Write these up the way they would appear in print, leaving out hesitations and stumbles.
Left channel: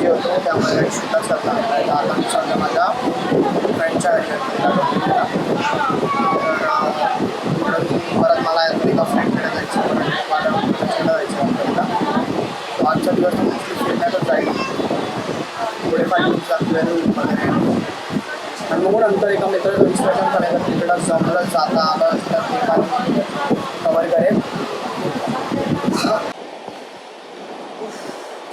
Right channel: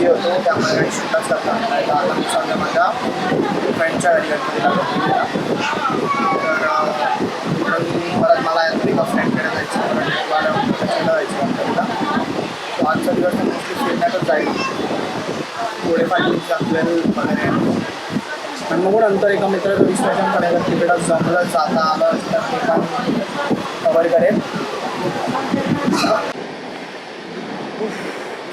Busy होतो त्यामुळे काही शूटच करता आला आहे. तर आता मी सध्या माझ्या फ्रेंडच्या गाडीवरती लागलो तर इकडून परत मला एका फ्रेंडकडे जायचं, परत त्याच्याकडे जायचं नंतरला. तो आजचा दिवस तर मोस्टली फिरण्यातच जाईल, थोडेफार फिरेल वगैरे. आणि मग नंतर एका मित्राचं विश्लेषण पण आहे, तर तिकडं जमलं जाता आलं तर ते पण कवर करेल.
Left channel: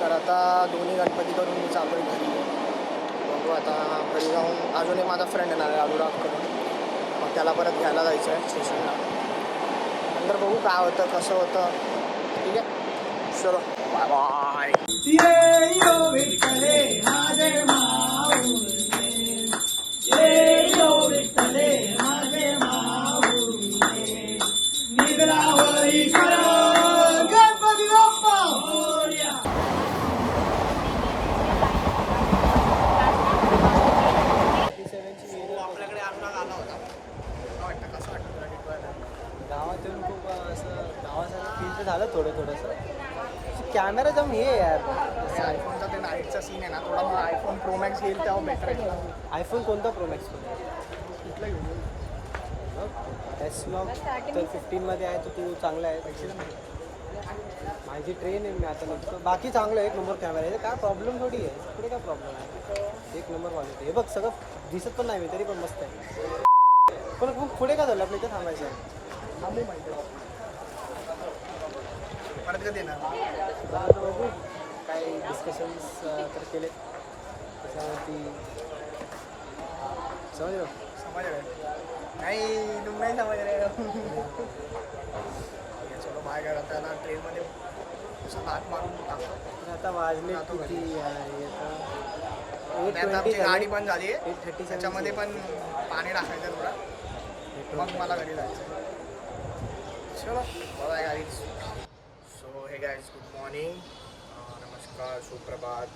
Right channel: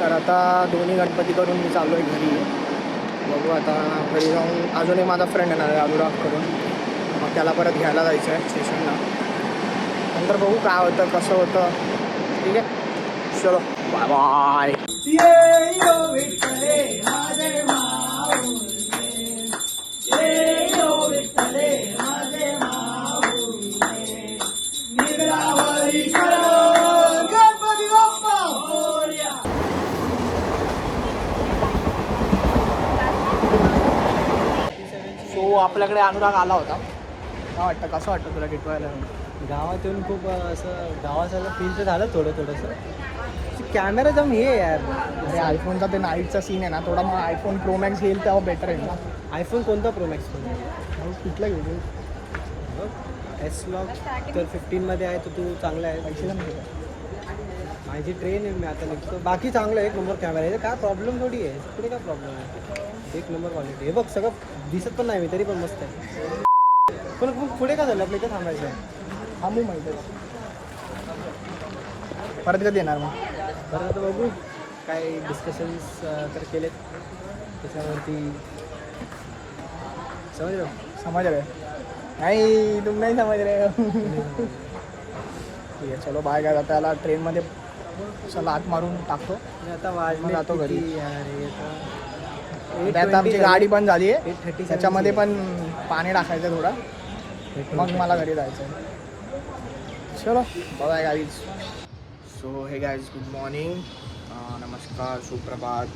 तर आता दोन्ही गणपती करून मी चाललो आहे घरी. बघू आता घरी जाऊन अजूनही माझा फ्रेंड येणार आहे अनुराग करून, मग त्याला परत घ्यायला जायचं आहे स्टेशनला. नंतर बघू काय होतं कसं होतं. ठीक आहे, चलो बाय बाय. सो आपल्याकडे अनुराग आला होता. काय वाटतं, कसं वाटतं तुला टिटवायला? गावात येऊन खूप असं गावासारखं फील तर झालं थोडंसं. कॅमेरा जाऊन हे यार. अरे आयफोनचा ते नाईटचा सीन आहे ना थोडा, मग आयफोन प्रो मॅक्स घेईल तेव्हा बेटर आहे ना. आयफोन कोणता प्रो मॅक्स फोन? कुठला घेऊ? S-Log तर 15मध्ये आहे, तर तू चांगला आहे. पैसे नाही घेत. माझी ट्रेन आहे, मी आता निघतो. बाकी चांगलं आहे, एक नंबर कॅमेरा आहे, काय प्रॉब्लेम थोडी आहे. पुढे काय प्रॉब्लेम आहे, एक नंबर क्वालिटी. हे बघ सगळं दिसत पण नाही मी, तरी पण मस्त आहे. पण पुढे काय झालं, आपलं इथं थांबायचं आहे. थांबू माहीतच. परत कधी येणार मग? बरं आता बघू, काय डिस्कशन्स तर केलेत त्याच्यावरती. समज रहे नाही, तुम नाही समज रहे. ठीक आहे, चलो बाय. काय त्याला ट्रेनमध्ये असं लात मारून टाकतो. आता वाजले जातो घरी यार. आता आमची गाडी पण झाली आहे, 8:37 त्याच्यामध्ये पण पाणी टाकायचं थोडं, मग मला घरी जायचं आहे. चलो बाय गाईज. सो हे गाईज, गुड मॉर्निंग, नमस्कार, सुप्रभात.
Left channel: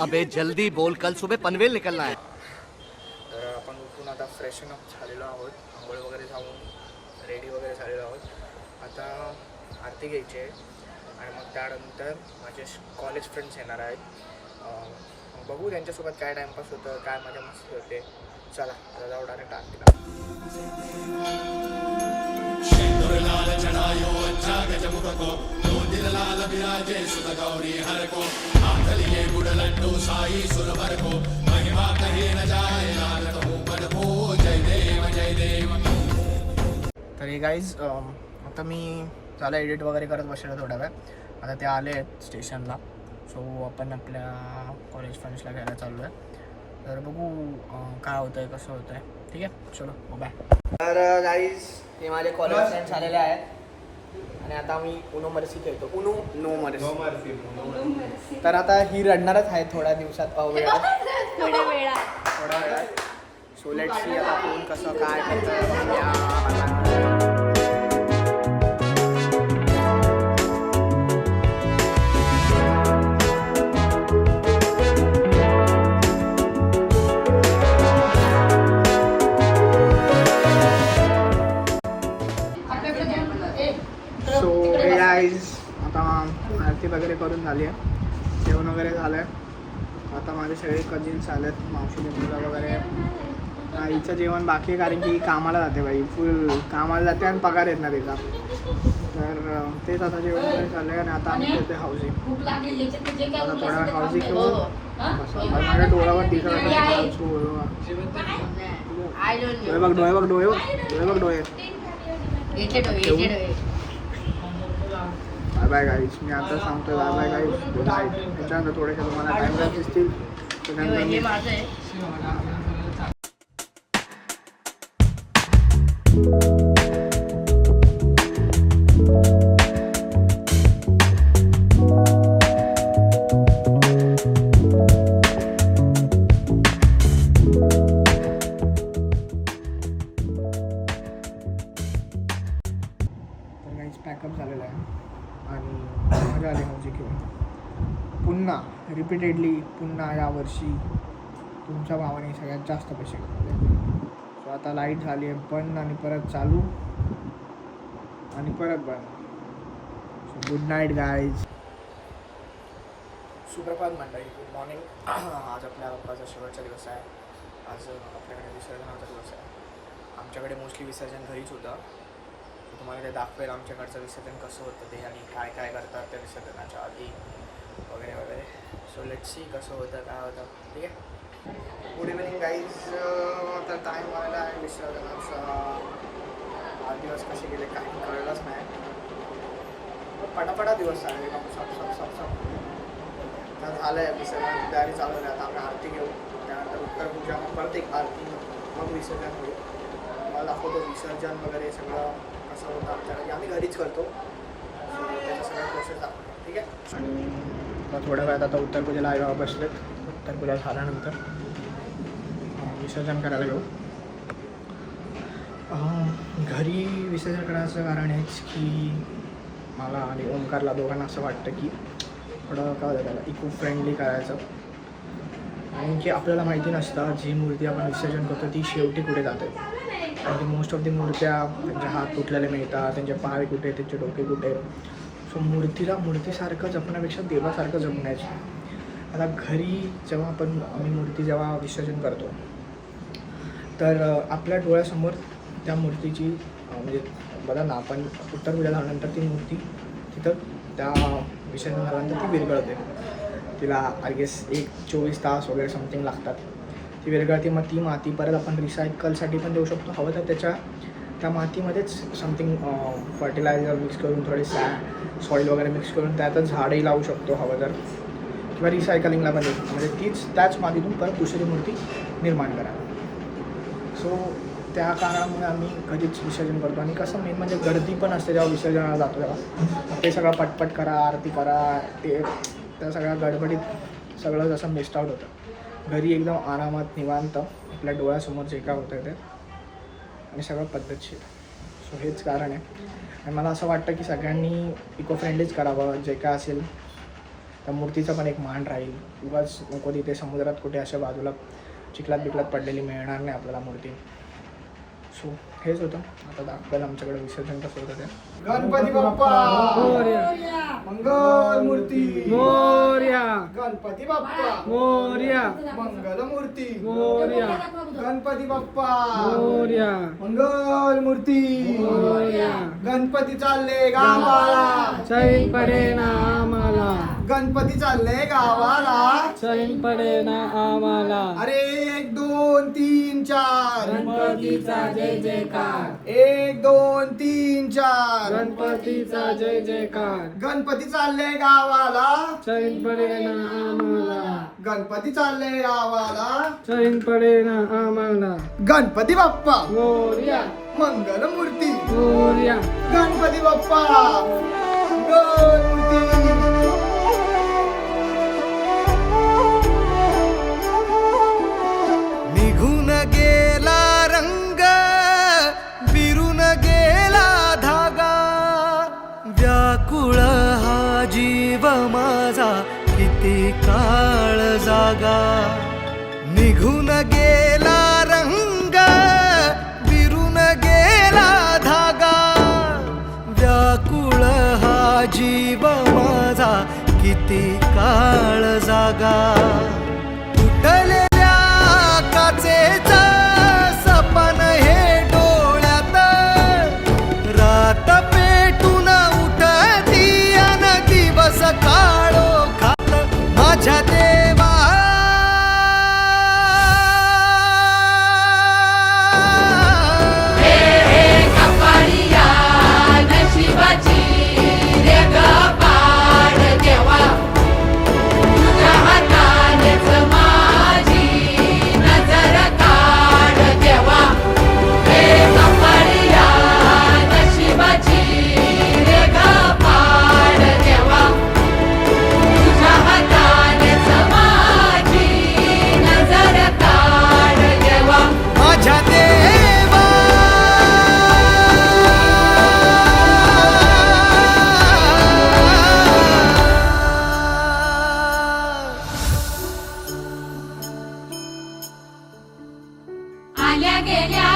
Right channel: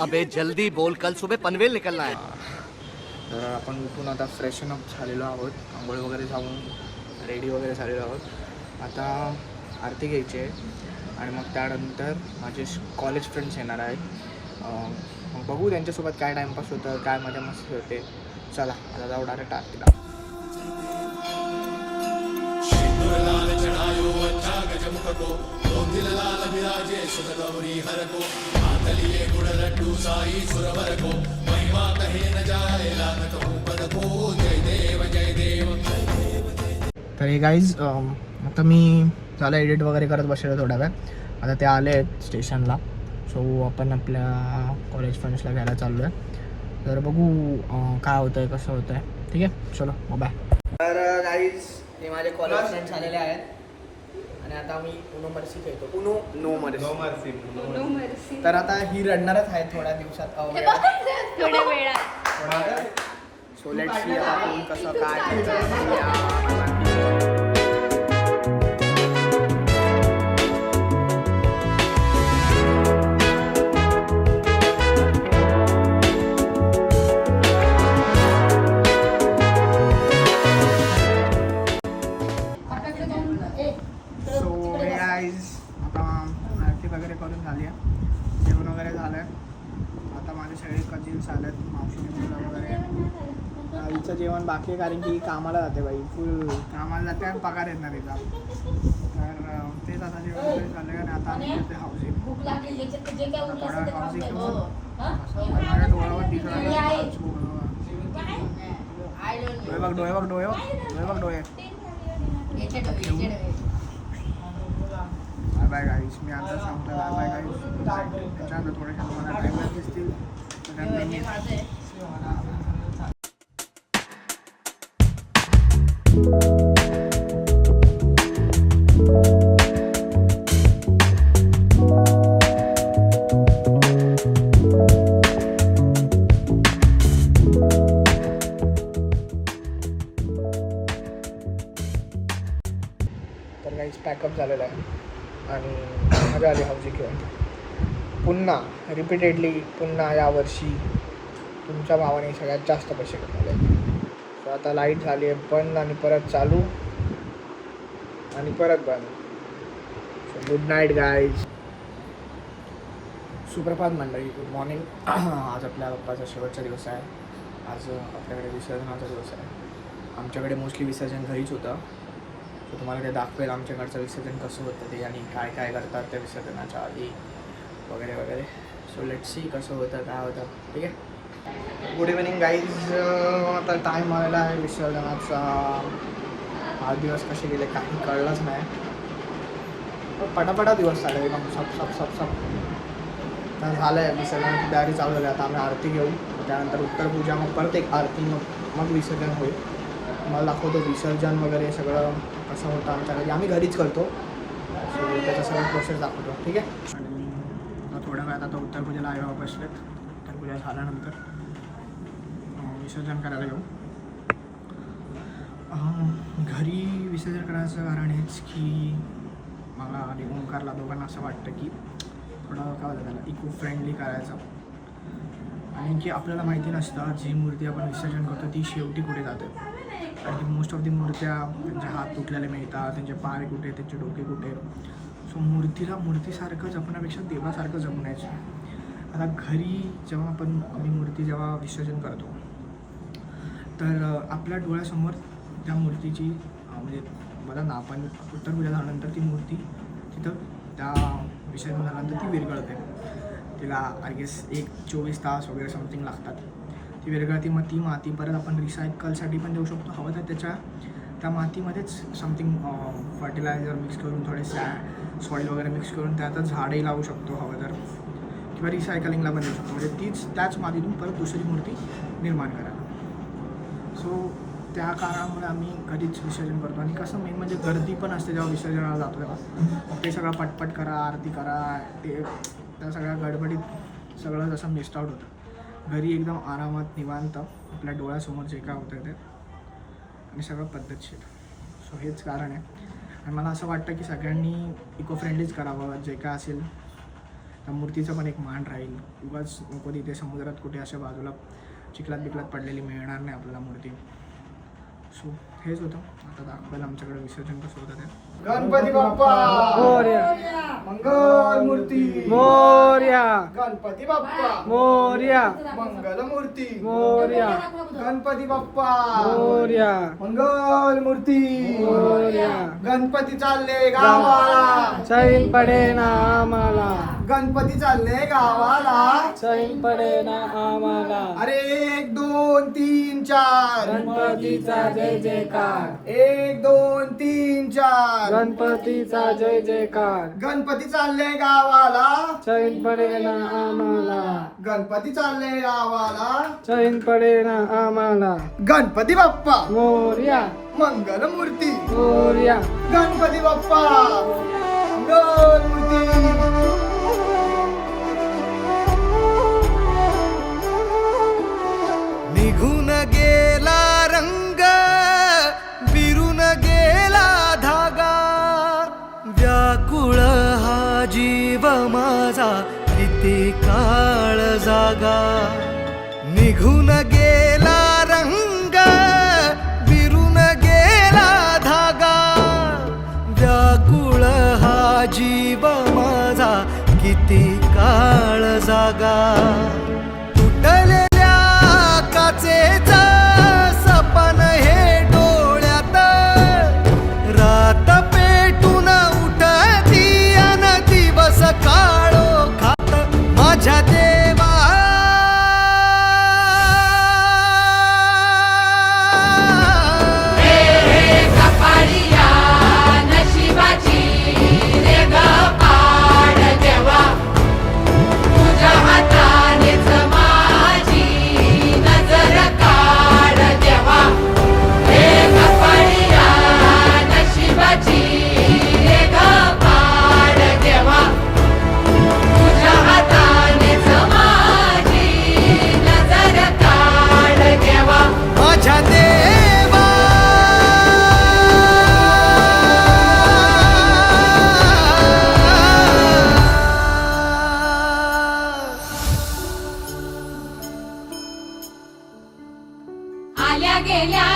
अबे जल्दी बोल, कल सुबह पनवेल निकलना है. तर आपण उठून आता फ्रेशन अप झालेलो आहोत, आंघोळ वगैरे जाऊन रेडी वगैरे झालेलो आहोत. आता आरती घ्यायची आहे आणि मग त्यानंतर माझे कॉलेज फ्रेंड्स येणार आहेत. मग बघू त्यांच्यासोबत काय टाईमपास होतं, काय मजा मस्ती होते. चला आता जाऊ डायरेक्ट आरतीला. तर हे गाईज, आता मी झालं एडिट वगैरे करत बसलेलो थोड्या वेळ. आता ते आले आहेत स्टेशनला, सो आपण आपल्या कॉलेज फ्रेंड्सला घ्यायला चाललो आहे. तर बघू काय होतं आहे, कसं होतं आहे. ठीक आहे, चलो बाय. तर गाईज, हे माझे कॉलेज फ्रेंड्स आलेले आहेत आणि आता आम्ही उनो मर्सी खेळतो. Uno no mercy. तर आता ही रडणारच आहे थोड्या दिवसात, थोड्या वेळात. सो लेट्स सी आता कोण कसं काय करतं बघूया. सो हे गाईज, आता आरती वगैरे करून झाली आहे, जेवण वगैरे झालं आहे. आता माझे सगळे कजिन्स आलेत, मावशीचे मुलं वगैरे. आईचं जेवण बाकी, कारण की कामाला जाते बाई, फुल कामाला जाते आणि पगार येत ना तिचा. तर तेच आता जेवण वगैरे झालं आहे आणि आता आम्ही खेळते हाऊसी. आता थोडा हाऊसी खेळून बसा. माझ्या डोळ्यावर दिसत डोळे. Bye bye guys. मी आता सांगतोय bye bye guys, good night. त्याच्यानंतर थोडेसे तुम्हाला टाईमलाईन दिसतील, त्याच्यानंतर मी पॅकअप झालेला आहे आणि मजा आली हाऊसी घेऊन. पुन्हा रिपीटेडली पुन्हा यावर्षी तुमच्या भावाने सगळ्यात जास्त पैसे कमवले. सो आता लाईट झाली आहे बंद आणि परत चालू आणि परत बंद. So good night guys. सुप्रभात मंडळी, गुड मॉर्निंग. आज आपल्या बाप्पाचा शेवटचा दिवस आहे. आज आपल्याकडे विसर्जनाचा दिवस आहे. आमच्याकडे मोस्टली विसर्जन घरीच होतं. तर तुम्हाला ते दाखवेल आमच्याकडचं विसर्जन कसं होतं ते आणि काय काय करतात त्या विसर्जनाच्या आधी वगैरे वगैरे. सो लेट सी कसं होतं काय होतं. ठीक आहे. Good evening guys. आता टाईम आलेला आहे विसर्जनाचा. 8 दिवस कसे गेले काही कळलंच नाही. पटापटा दिवस चालले मग सब तर झालं आहे. विसर्जनाची तयारी चालू झाली. आता आम्ही आरती घेऊ, त्यानंतर उत्तर पूजा, मग परत एक आरती, मग विसर्जन होईल. मला दाखवतो विसर्जन वगैरे सगळं कसं होतं आमच्याकडे. आम्ही घरीच करतो. सो त्याचा सगळा प्रोसेस दाखवतो. ठीक आहे. आणि मग थोड्या वेळात आता उत्तर पूजेला आईबाबा बसलेत. उत्तर पूजा झाल्यानंतर विसर्जन करायला घेऊ. घरी विसर्जन करायचं कारण हेच की मला आणि ओमकारला दोघांना असं वाटतं की थोडं काय होतं त्याला इको फ्रेंडली करायचं. आणि की आपल्याला माहिती नसतं जी मूर्ती आपण विसर्जन करतो ती शेवटी कुठे जाते. आणि की मोस्ट ऑफ दी मूर्त्या त्यांचे हात तुटलेले मिळतात, त्यांचे पाय कुठे, त्यांचे डोके कुठे. सो मूर्तीसारखं जपण्यापेक्षा देवासारखं जपण्याचं. आता घरी जेव्हा आम्ही मूर्ती जेव्हा विसर्जन करतो तर आपल्या डोळ्यासमोर त्या मूर्तीची म्हणजे बघा ना, आपण उत्तर पूजा झाल्यानंतर ती मूर्ती तिथं त्या विसर्जन झाल्यानंतर ती विरघळते. तिला आय गेस 24 तास वगैरे समथिंग लागतात. ती विरघळते. मग ती माती परत आपण रिसायकलसाठी पण देऊ शकतो. हवं तर त्या मातीमध्येच समथिंग फर्टिलायझर मिक्स करून थोडे सॉईल वगैरे मिक्स करून त्यातच झाडही लावू शकतो हवं तर, किंवा रिसायकलिंगला पण देऊ शकतो. म्हणजे त्याच मातीतून परत दुसरी मूर्ती निर्माण करायला. सो त्या कारणामुळे आम्ही कधीच विसर्जन करतो. आणि कसं मेन म्हणजे गर्दी पण असते जेव्हा विसर्जनाला जातो तेव्हा. ते सगळं पटपट करा, आरती करा, त्या सगळ्या गडबडीत सगळं जसं मिस्ड आउट होतं. घरी एकदम आरामात निवांत आपल्या डोळ्यासमोर जे काय होतं ते आणि सगळं पद्धतशीर. सो हेच कारण आहे. आणि मला असं वाटतं की सगळ्यांनी इको फ्रेंडलीच करावं. जे काय असेल त्या मूर्तीचा पण एक मान राहील. उगाच नको तिथे समुद्रात कुठे अशा बाजूला चिखलात पडलेली मिळणार नाही आपल्याला मूर्ती. सो हेच होतं. आता दाखवायला आमच्याकडे विसर्जन कसं होतं ते. गणपती बाप्पा मोरया, मंगल मूर्ती मोरया, गणपती बाप्पा मोरया, मंगल मूर्ती मोरया, गणपती बाप्पा मोरया, मंगल मूर्ती मोरया. गणपती चालले गावाला, चैन पडे ना आम्हाला. गणपती चालले गावाला, चैन पडे ना आम्हाला. अरे 1 2 3 4 गणपतीचा जय जयकार. 1 2 3 4 गणपतीचा जय जयकार. गणपती चालले गावाला, चैन पडे ना आम्हाला. गणपती चालले गावाला, चैन पडे ना आम्हाला. गणपती बाप्पा मोरया, मंगल मूर्ती मोरया, गणपती बाप्पा मंगल मूर्ती. निघून गेला रंग, विरून गेला धागा, व्याकुळ हा जीव माझा किती काळ जागा. निघून गेला रंग, विरून गेला धागा, व्याकुळ हा जीव माझा किती काळ जागा. तुटलेल्या काचेचा सपन हे डोळ्यात, रात पेटून उठती अन दिवस काळो खात. माझ्या देवा आल्या गेल्या